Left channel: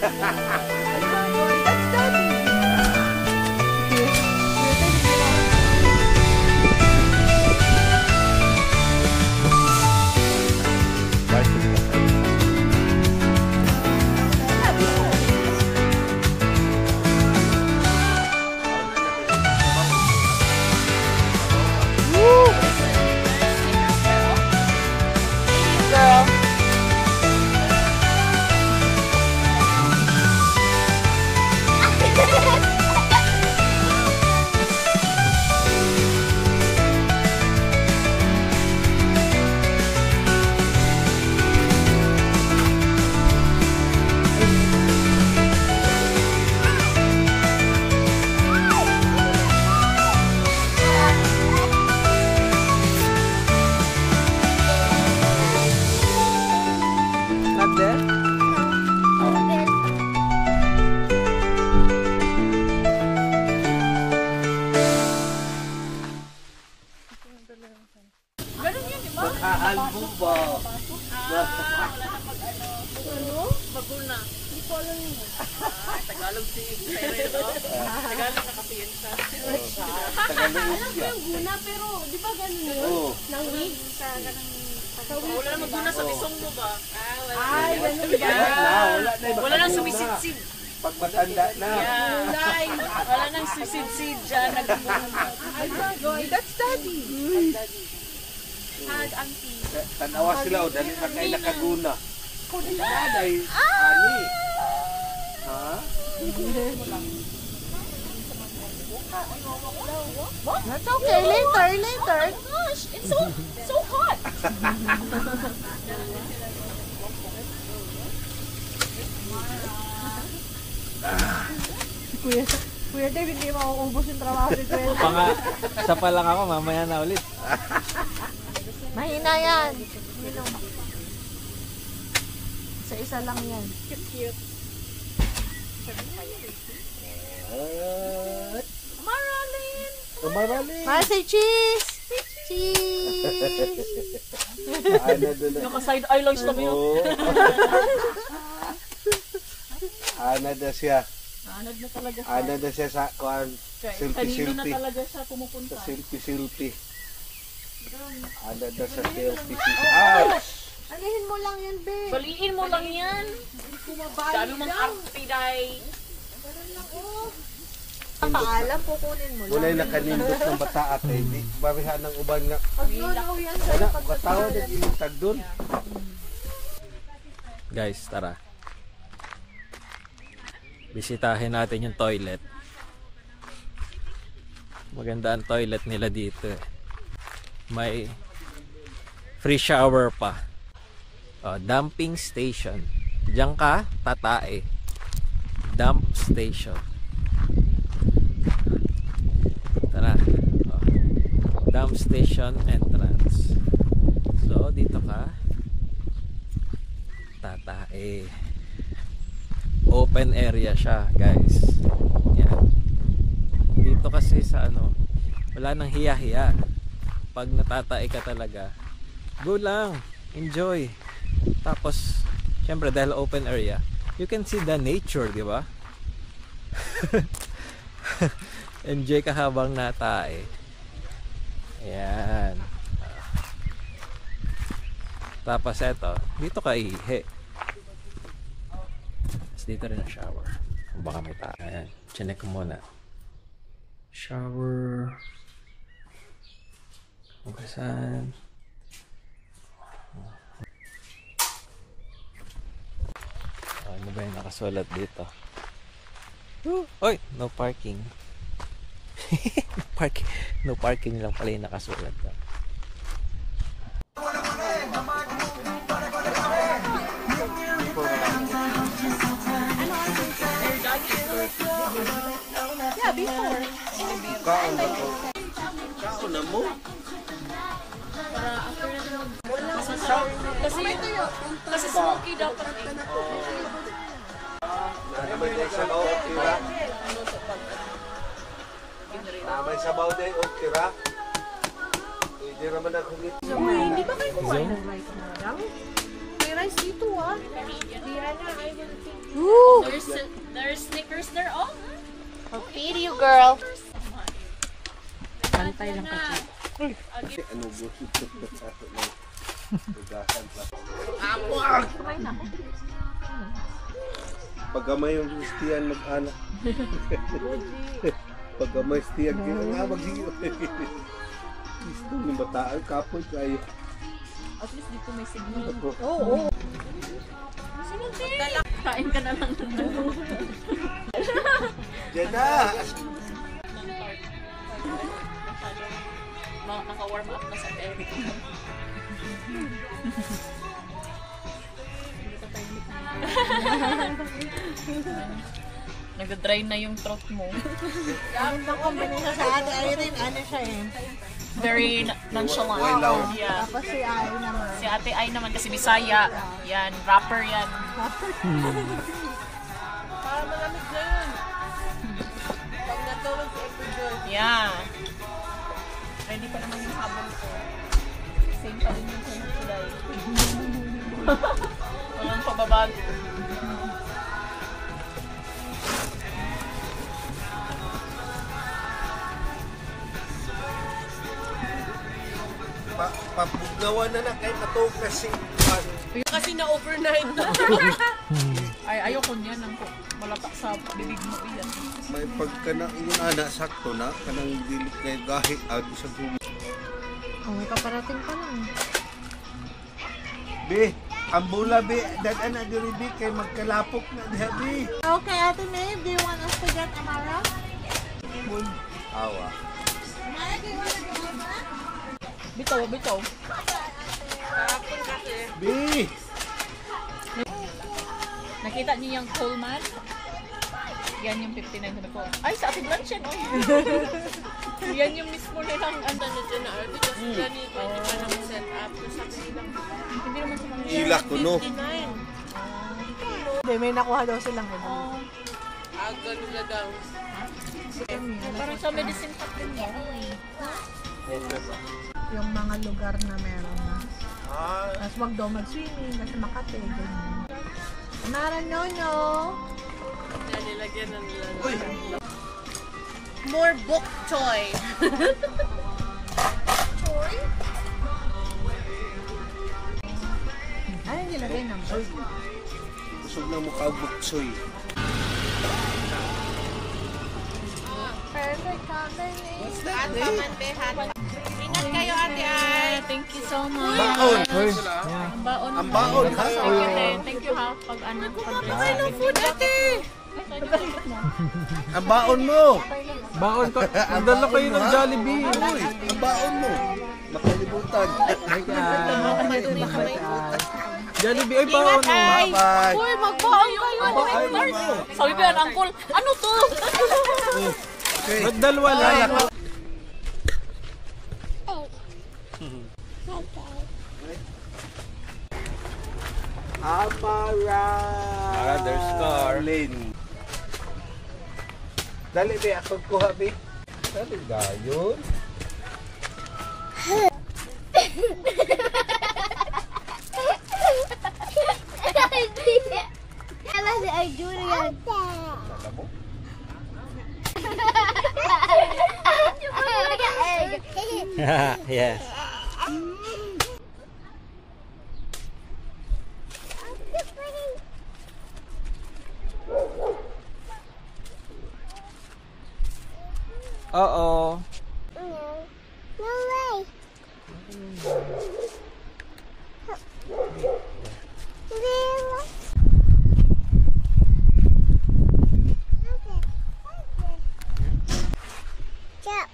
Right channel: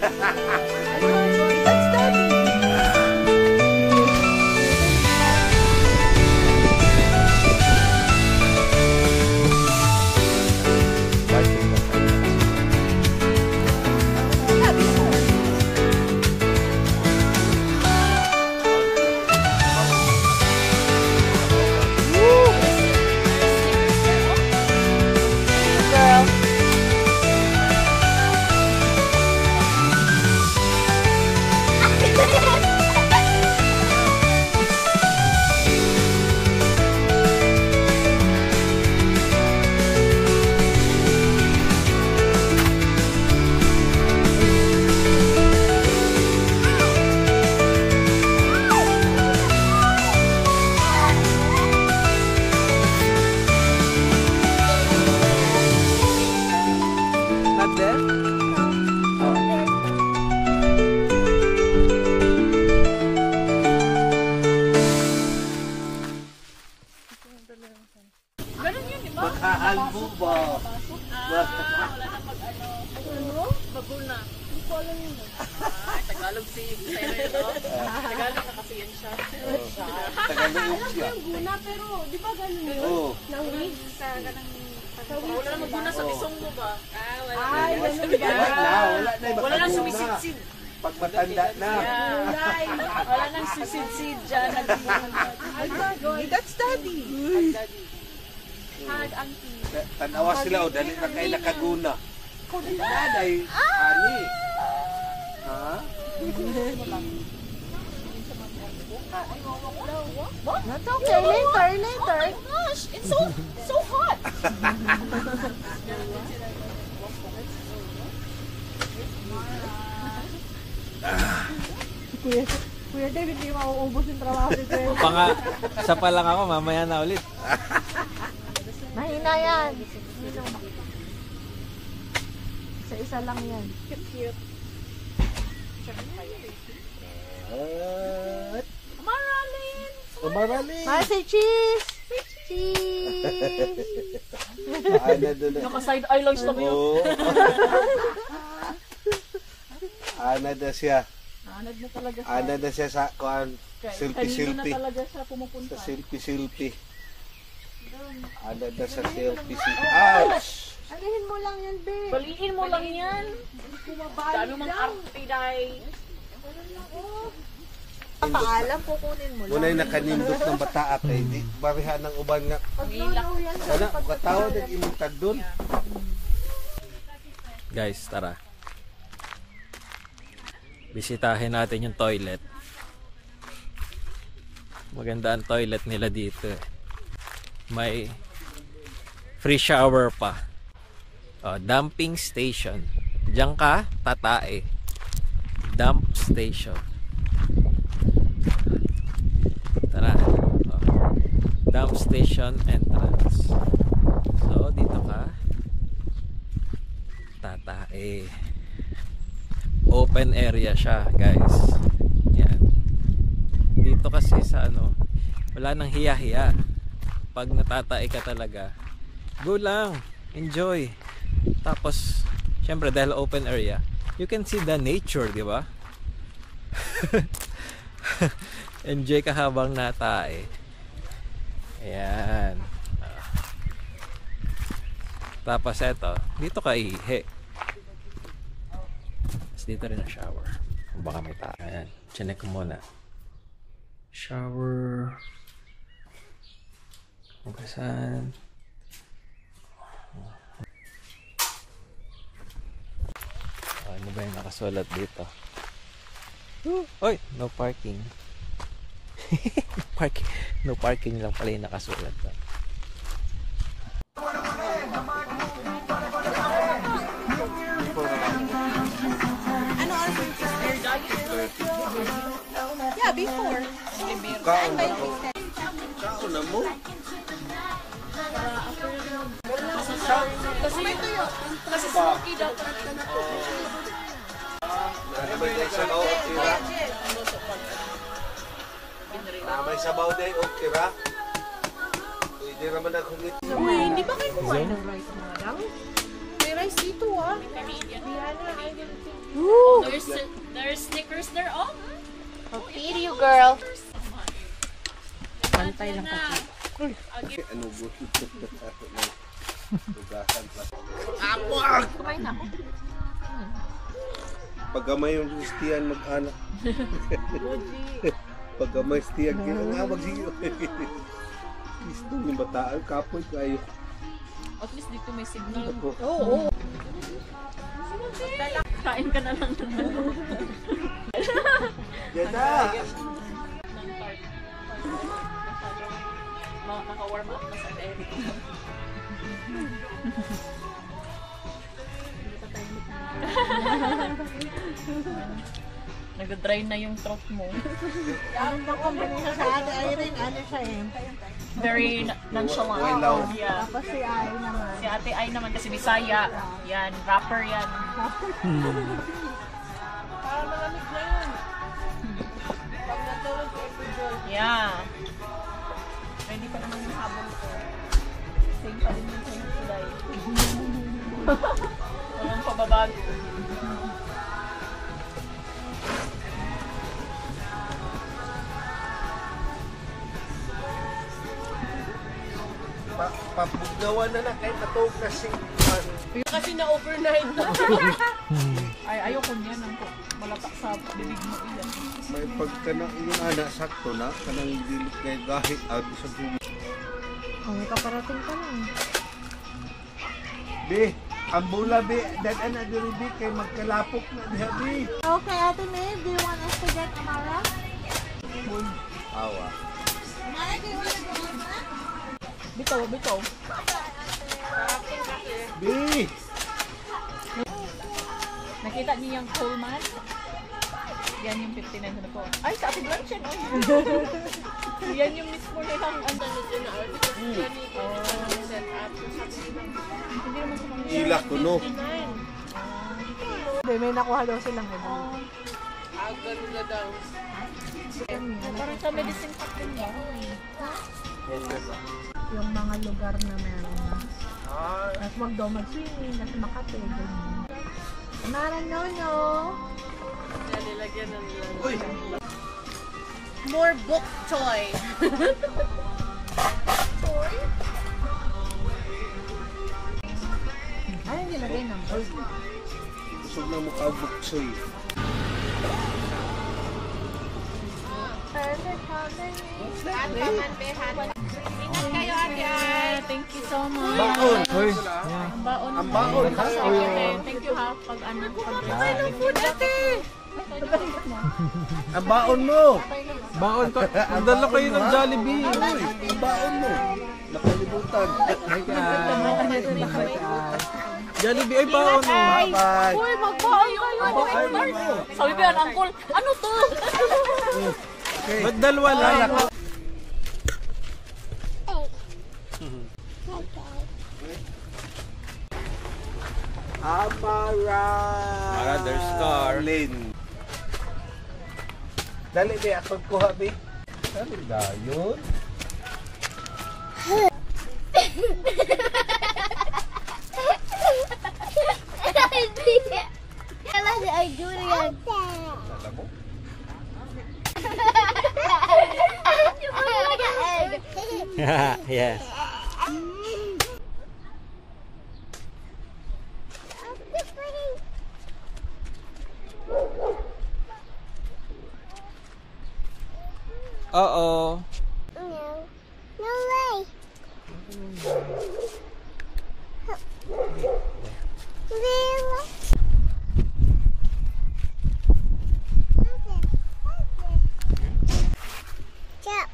That's Daddy. Mag-aalbo ba? Wala na mag-ano. Maguna. Hindi ko alam yun. Tagalog si Sereno. Tagalog na kasi yan siya. Tagalog siya. Guna pero, di ba ganun yun? Oo. Nangig? Wala na maguna sa bisong mo ba? Wala na. Wala nang sumisid-sid. Pag matanda na. Wala nang sumisid-sid dyan. That's Daddy. Hag, auntie. Tanawa sila o dali na kayo nakaguna. Daday, ani. Ha? That's okay. Later. Oh gosh, it's so hot. Kuya Dave, hindi mauubos yung trabaho ko. Isa pa lang ako, mamaya na ulit. Mahina yan. Isa lang yan. Cute. Maralin. Say cheese! Cheese! Naka-side eyelines lang yun. Ana na siya. Anad na talaga siya. Ana na siya sa kuan. Kanino na Silpi. talaga siya pumupunta. Sa silpi. Ana na sa silpi. Ouch! Anihin mo lang yan, be. Baliin mo lang yan. Dami mang arte, day. Ang paalam, kukunin mo lang. Wala'y nakanindot ng bata at hindi. Barihan ng uban nga. Pag-lulaw yan sa Wala, katawad at inintag doon. Guys, tara. Bisitahin natin yung toilet. Maganda ang toilet nila dito. May free shower pa. Dumping station. Diyan ka, tatae. Dump station. Tara. Dump station entrance. So, dito ka. Tatae. Open area siya, guys. Yan. Dito kasi sa wala nang hiya-hiya. Pag natatae ka talaga, go lang. Enjoy. Tapos, syempre dahil open area, you can see the nature, di ba? Enjoy ka habang natae. Ayan. Tapos eto, dito ka ihi. Tapos dito rin ang shower. Baka may tao. Ayan, chinek ko muna. Shower. Hugasan. Ano ba yung nakasulat dito? Oy, no parking. No parking lang pala yung nakasulat doon. Yeah, before. Kaon na mo? Kasi smoky daw. Naman day sabaw o tira? Naman sabaw day o tira? Pwede naman ako nito. Hindi ba kayo kumain ng rice na lang? May rice dito ah. There's stickers there, oh. I'll feed you, girl. Pantay lang kasi. Ano gusto sa atin? Tugasan pa. Pagkamay yung stiyan mag-anak. Pagkamay stiyan, kaya nga mag-sige. Gusto ni bataan, kapoy kayo. At least dito may signal. Oo. Kain ka na lang. Jeda! Naka-warm up na sa air. Nag-dry na yung throat mo. Ano bang combination sa ate Irene? Ano siya eh? Very nonchalant. Wow. Yeah. Tapos si Ay naman. Si ate ay naman kasi Bisaya. Yan, rapper yan. Para malamig na yun. Pag natulog sa episode. Yeah. Ready pa naman yung habol ko. Same pa rin yung same kulay. Walang pababago. Papugnawan na kahit natog na siya. Kasi na-overnight na. Ay, ayoko niyan. Malatak sa bibig mo iyan. May pagka na yung anak sakto na, kanang dilit na yung gahit out sa buwi. May kaparating pa lang. Be, ang bula be, dagan na diri be, kay magkalapok na diha be. Okay, Ate May, do you want us to get Amara? Awa. Amara, do you want to go with us? Bitaw, bitaw. Be! Nakita niyo yung Coleman? Yan yung 59 ko. Ay, sa ating lunch yan. Yan yung mismo nilang ang dito na. Sila kuno. May nakuha daw silang iba. nila daw. Parang sa medicine pack din yan. Yung mga lugar na meron na. Tapos wag daw mag-swimming kasi Makati. Ganyan. Naran no. Nilagyan ng Uy! more book toy. Ay, nilagay ng book. Busog na mukha buksoy. Perfect combination. Thank you so much. Baon! Uy, Ang baon. Ang baon ha? Thank you ha. Pag ano, pag Ang baon mo! baon ka. Magdala kayo ng Jollibee. Uy! Ang baon mo! Nakalimutan. Hi guys. Jollibee ay baon mo. Bye-bye! Uy, magbaon yung ano, Edward. Sabi ko yan, Uncle, ano to? Okay. Ba't dalawa lang? Amara! Mother's car. Lane. Dali, be. Ako kuha, be. Dali ba yun? Alam mo? Yes. Oo. No way. Jump.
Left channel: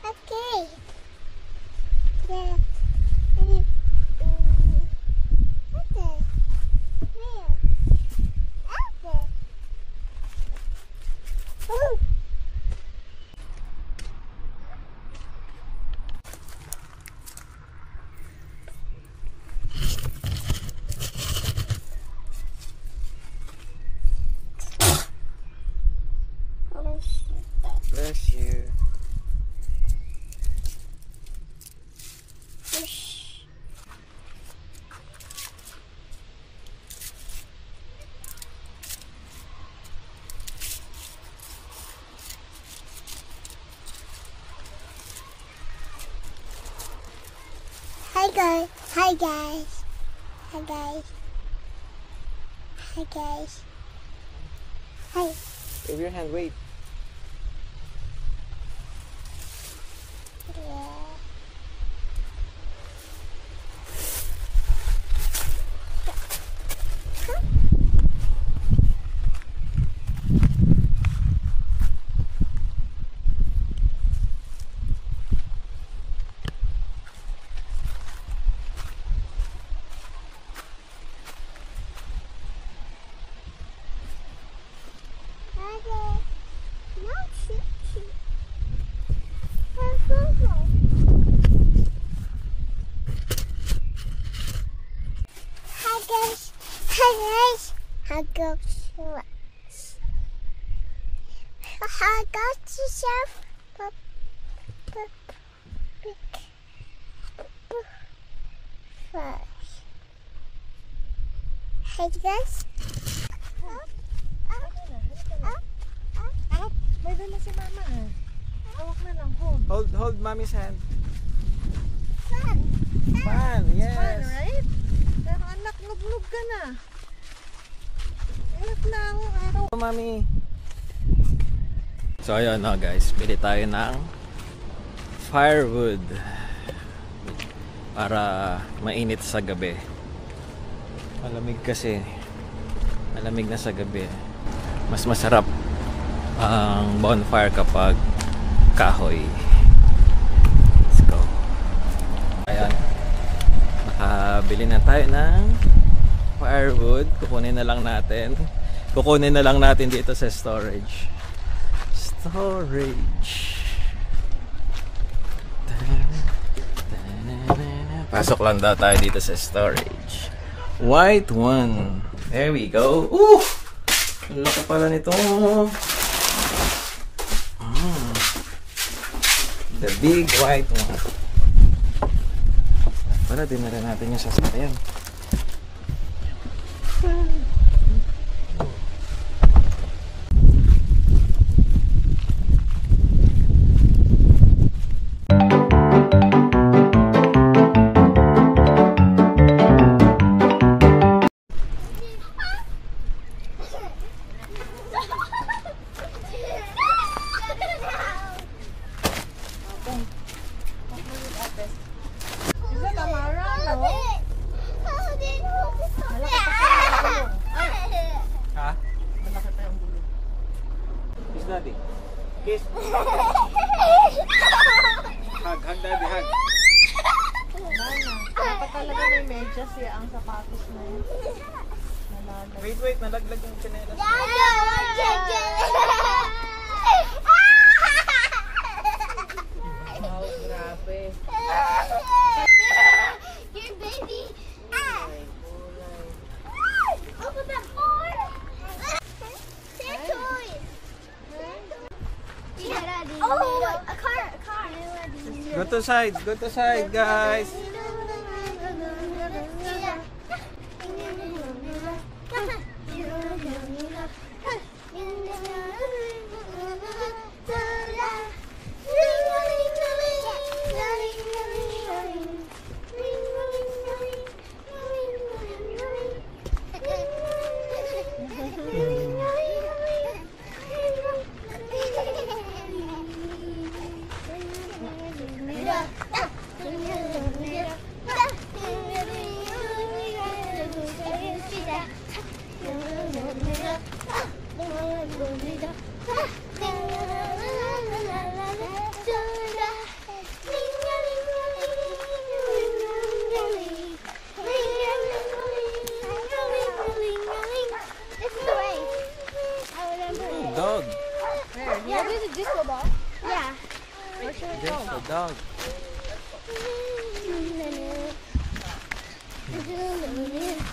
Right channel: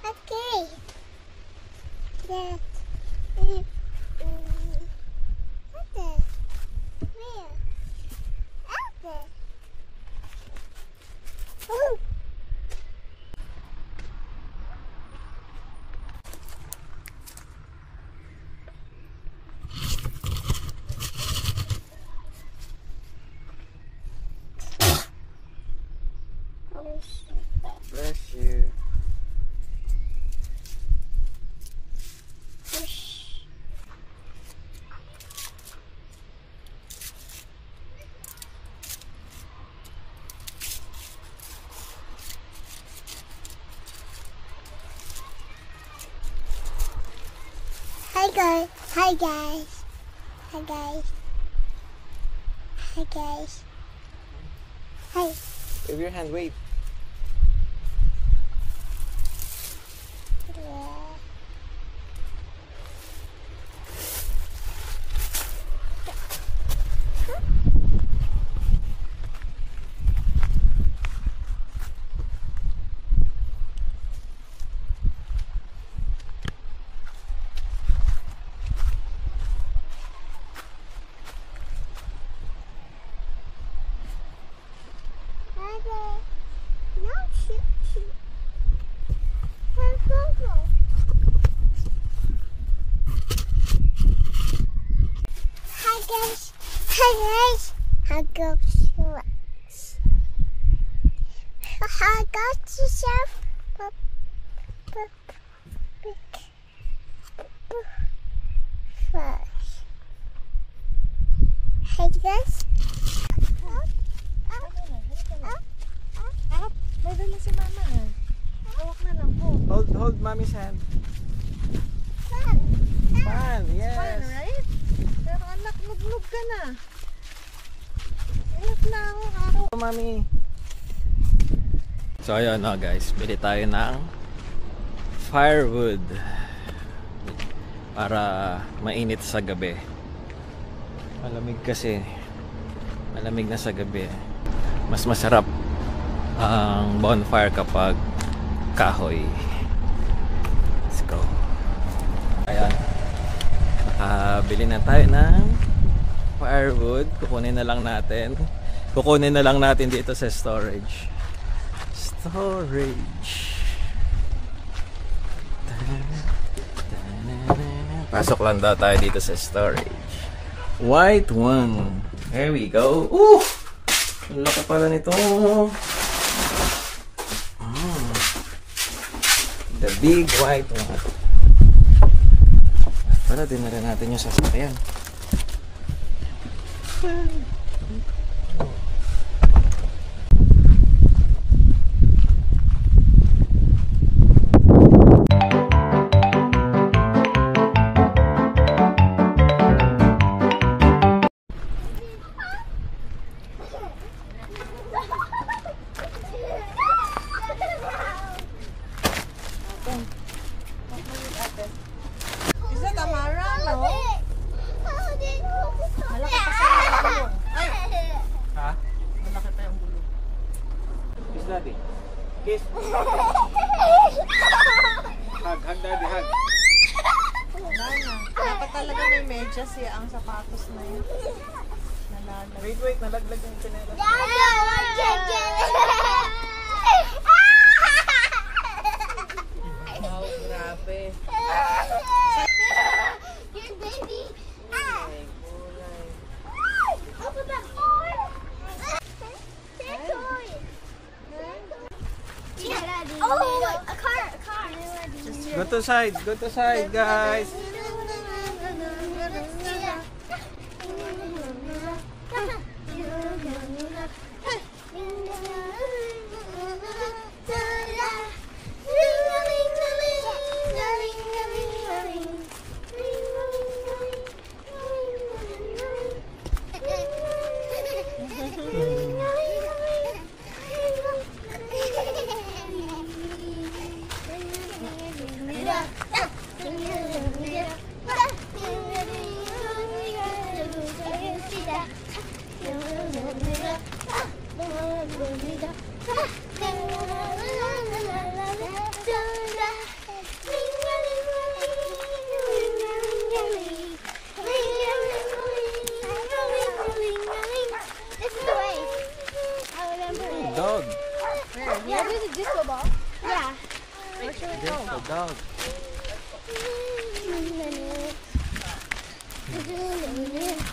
Okay. Yeah. What the? Where? Out there. Woo. Hi guys. Hi guys. Hi guys. Hi guys. Hi. Wave your hand, wave. Yeah. No, shoot, shoot. Hi guys. Hi guys. Hi guys. Hi guys. Yourself. Hi guys. May dala si mama. Hawak na lang po. Hold mommy's hand. Fun. Fun, yes. Fun, right? Pero anak, nuglog ka na. Ilat na ang araw. Mami. So ayun na guys, pili tayo ng firewood para mainit sa gabi. Malamig kasi. Malamig na sa gabi. Mas masarap ang bonfire kapag kahoy. Let's go. Ayan. Nakabili na tayo ng firewood. Kukunin na lang natin dito sa storage. Pasok lang daw tayo dito sa storage. White one. There we go. Ooh! Ang laki pala nito. The big white one. Para dinala natin yung sasakyan. Isa Tamara, no? Ha? Malaki pa yung bulog. Kiss daddy. Kiss. Hug daddy, hug. Dapat talaga may medyas ang sapatos na yun. Nalagay. Wait, nalaglag yung chinelas. Oh, grabe. Your baby. Open that door. Their toys. Oh, a car. Go to side, guys. This is the way. I remember it. Dog. Yeah, there's a disco ball. Yeah. Where should we There's go? a dog.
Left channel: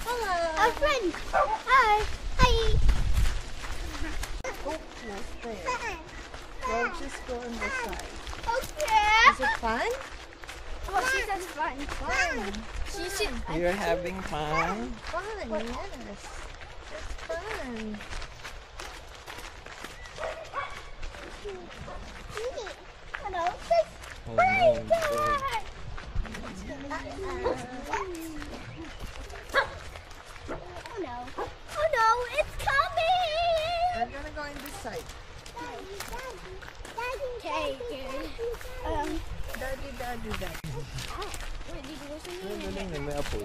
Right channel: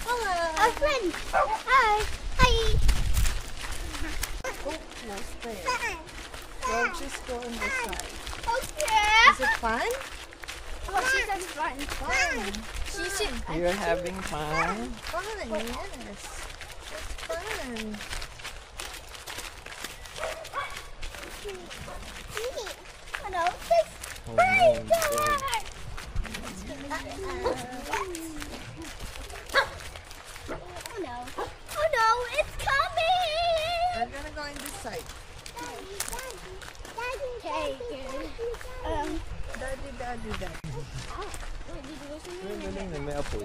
Hello. Our friend. Hi. Hi. Oh, no stairs. We'll just go on this side. Okay. Is it fun? Oh, she says fun. Fun. She should. You're having fun. Fun, yes. It's fun. Hello. Oh no, side. Okay. Daddy. Wait, did you listen to Ay, me? galing na, may apoy.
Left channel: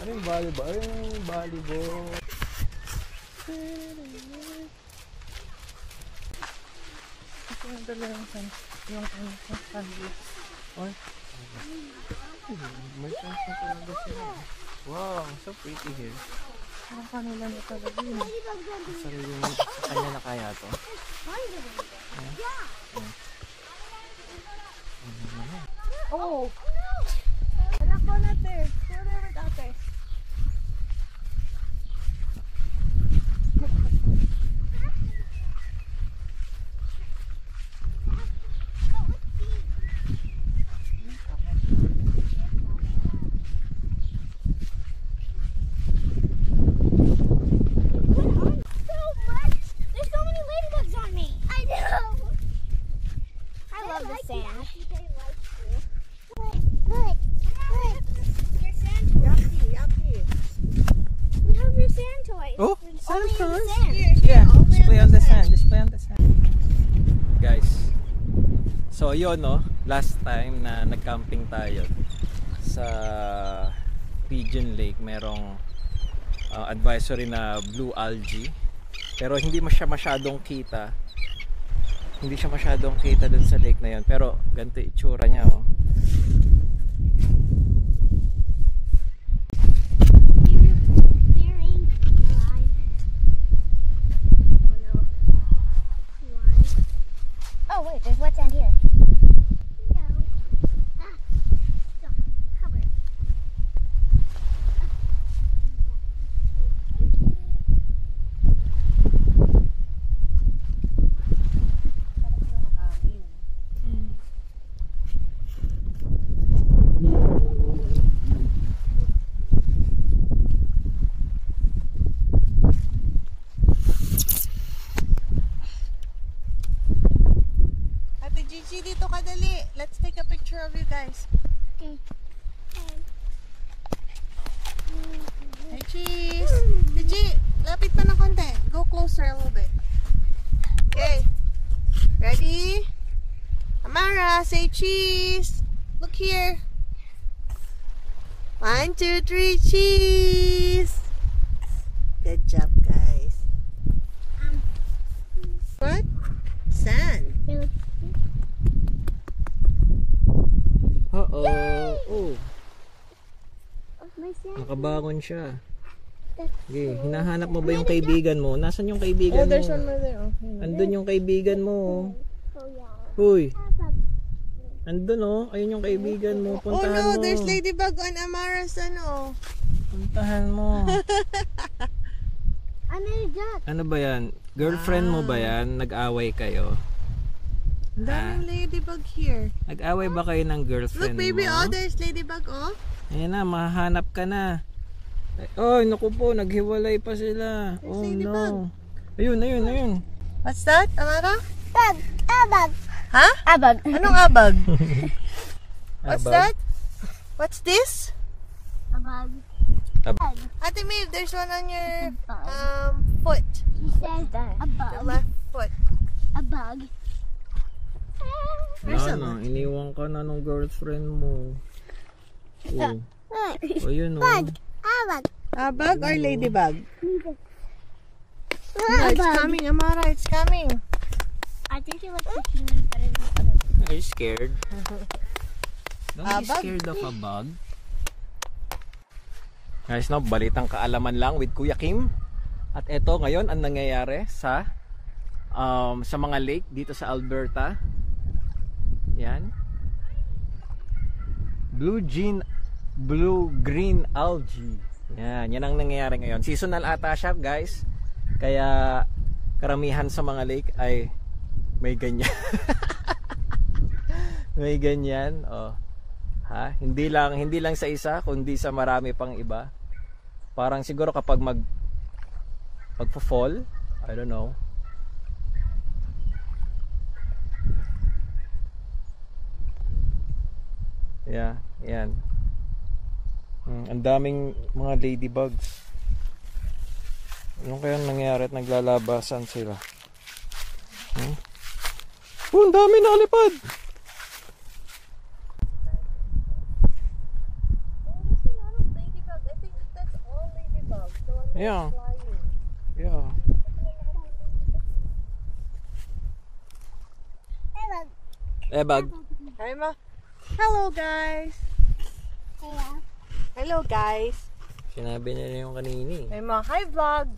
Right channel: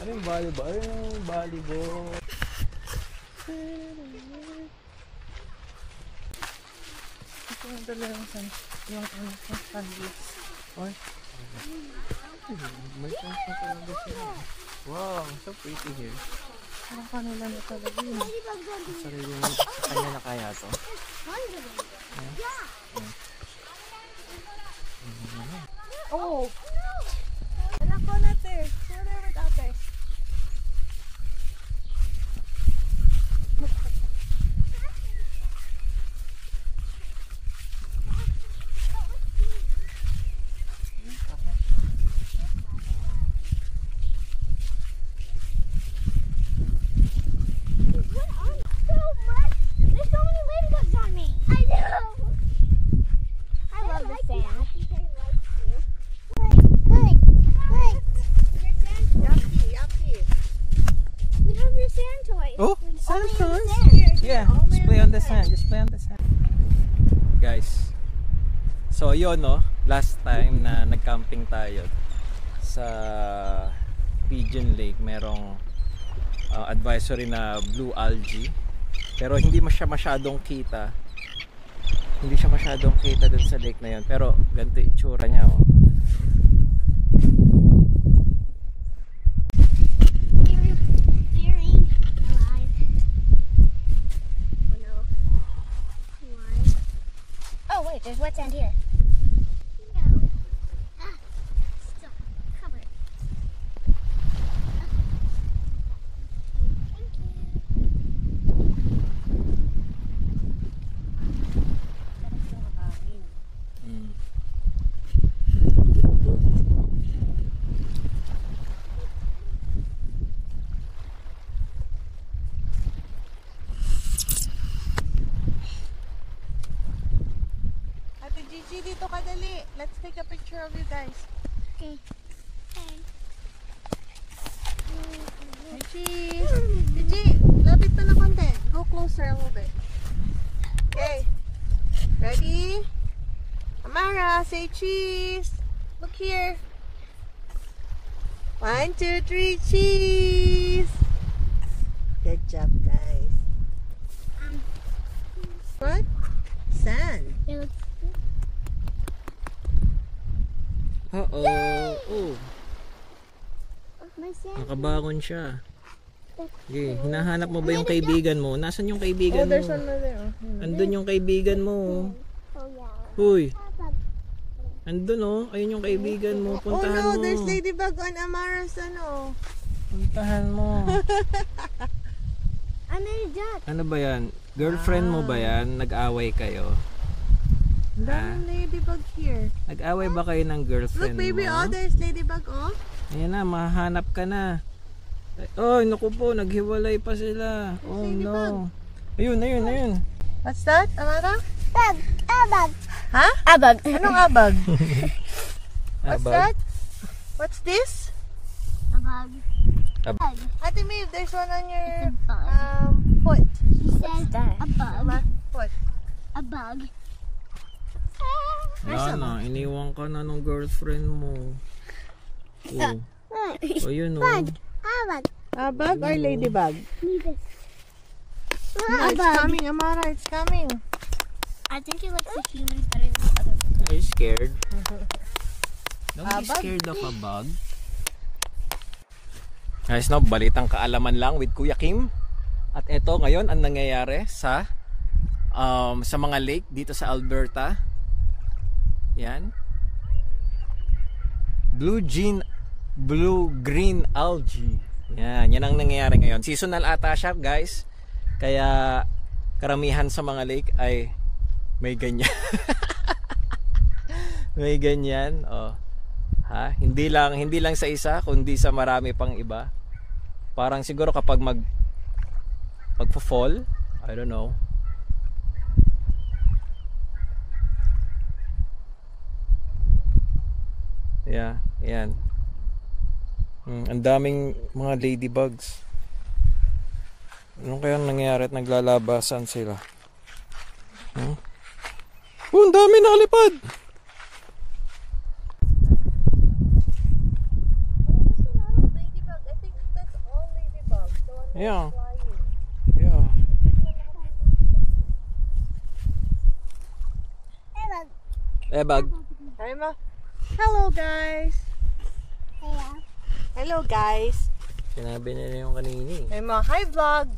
Ano yung volleyball? Ay, yung volleyball. Ito yung dalawang san. Yung sandwich. Ay. May chance na talaga sila. Wow, so pretty here. Parang kanila na talaga yun. Ladybugs on the Sarili mo sa kanya na kaya to. Yeah. Oh! Anak ko natin. Sorry with ate. There's so many ladybugs on me. I know. I love the sand. Look. Your sand toys. Yuppie. We have your sand toys. Oh, Only sand in the toys? sand. Yeah, just play on the sand. Just play on the sand. Guys, so yun no, last time na nag-camping tayo sa Pigeon Lake, merong advisory na blue algae. Pero hindi siya masyadong kita. Hindi siya masyadong kita dun sa lake na yun. Pero ganito itsura niya oh. Oh wait, there's wet sand here. Mm. Ate Gigi, dito ka dali. Let's take a picture of you guys. Okay. Hey, cheese. Gigi, lapit pa na konti. Go closer a little bit. Okay. Ready? Amara, say cheese. Look here. 1, 2, 3, cheese. Good job, guys. What? Sand. Uh-oh. Oh, My sand. nakabangon siya. Okay, hinahanap mo ba yung kaibigan mo? Nasaan yung kaibigan Oh, there's mo? one more there. Oh, Andun yung kaibigan mo. Oh yeah. Huy, andun oh. Ayun yung kaibigan mo. oh Puntahan no, mo. there's ladybug on Amara's ano. Puntahan mo. I made a duck. Ano ba yan? Girlfriend mo ba yan? Nag-away kayo? Ang daming ladybug here. Nag-away ba kayo ng Look, girlfriend baby, mo? oh, there's ladybug, oh. Ayan na, mahanap ka na. Oh, naku po, naghiwalay pa sila. Oh no. Ayun. What's that, Amara? Bug. A bug. Ha? A bug. Anong abag? What's Abag? that? What's this? A bug. A- Bug. Ate Maeve, there's one on your Bug. foot. He says a Your bug. left foot. A bug. Wala na, iniwan ka na ng girlfriend mo. Oh, ayun oh. A bug. Abag or ladybug? Leave it. No, it's coming, Amara, it's coming. I think he likes the humans better than the other bugs. Are you scared? Don't be Bug? scared of a bug. Guys, no, balitang kaalaman lang with Kuya Kim. At eto ngayon ang nangyayari sa mga lake dito sa Alberta. Yan. Blue-green algae. Yan ang nangyayari ngayon. Seasonal ata siya, guys. Kaya karamihan sa mga lake ay may ganyan. May ganyan, oh. Ha? Hindi lang sa isa, kundi sa marami pang iba. Parang siguro kapag magfo-fall, I don't know. Yeah, yan. Ang daming mga ladybugs. Ano kayang nangyari at naglalabasan sila? Oh, ang dami nakalipad. Ladybug. I think that's all ladybugs. The one that's Yeah. flying. Yeah. Ebag. Hi, Ma. Hello, guys. Yeah. Hello, guys. Sinabi nila yung kanini. Hi, Ma. Hi, vlog.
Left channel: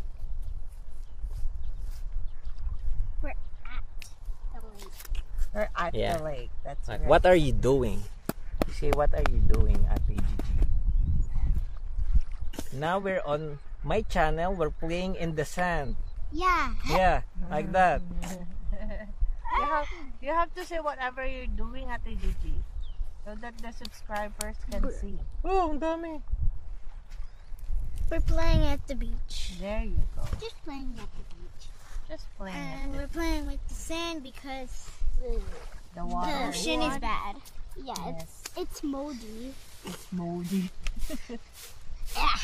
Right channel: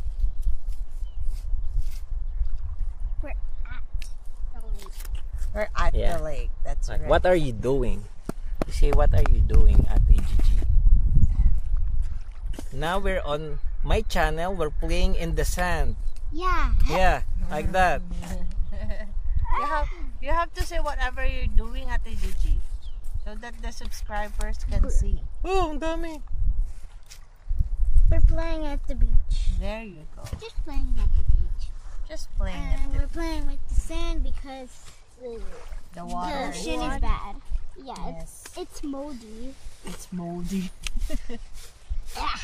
We're at the lake. We're at Yeah. the lake. That's right. What are you doing? You say, what are you doing at Gigi? Now we're on my channel. We're playing in the sand. Yeah. Yeah, like that. You have to say whatever you're doing at DG so that the subscribers can see. Oh, ang dami. We're playing at the beach. There you go. Just playing at the beach. Just playing And it. we're playing with the sand because The the water. ocean is bad. Yeah, Yes. it's moldy. It's moldy. Yeah.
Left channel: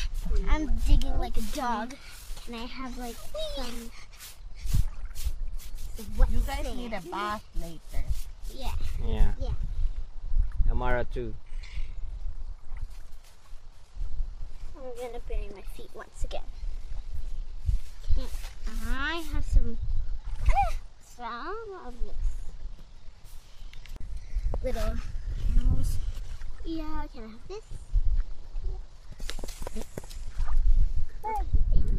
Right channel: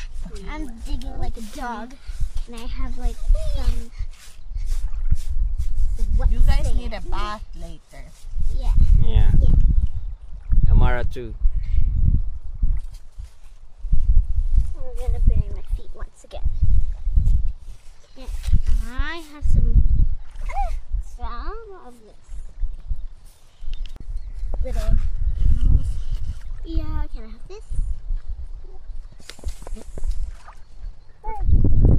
I'm digging like a dog. Can I have like some wet You guys sand? need a bath later. Yeah. Yeah. Yeah. Amara too. I'm gonna bury my feet once again. Can I have some of this little animals? Yeah, can I have this?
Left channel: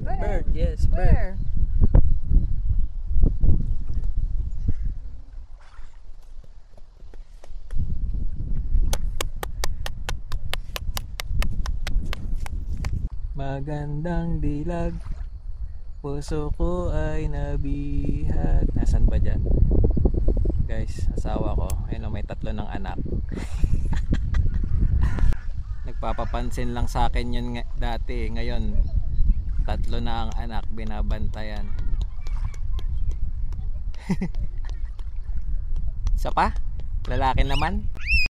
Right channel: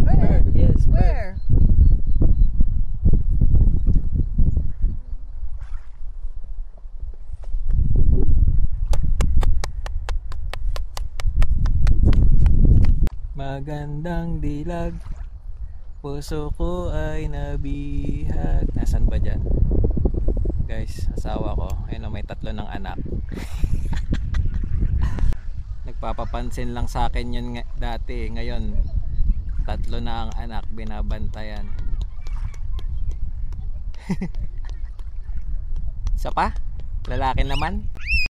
Bird, yes, bird. Where? Magandang dilag, puso ko ay nabihag. Nasaan ba dyan? Guys, asawa ko. Ayun, may 3 ng anak. Nagpapapansin lang sa akin yun dati. Ngayon, 3 na ang anak, binabantayan. Isa pa? Lalaki naman?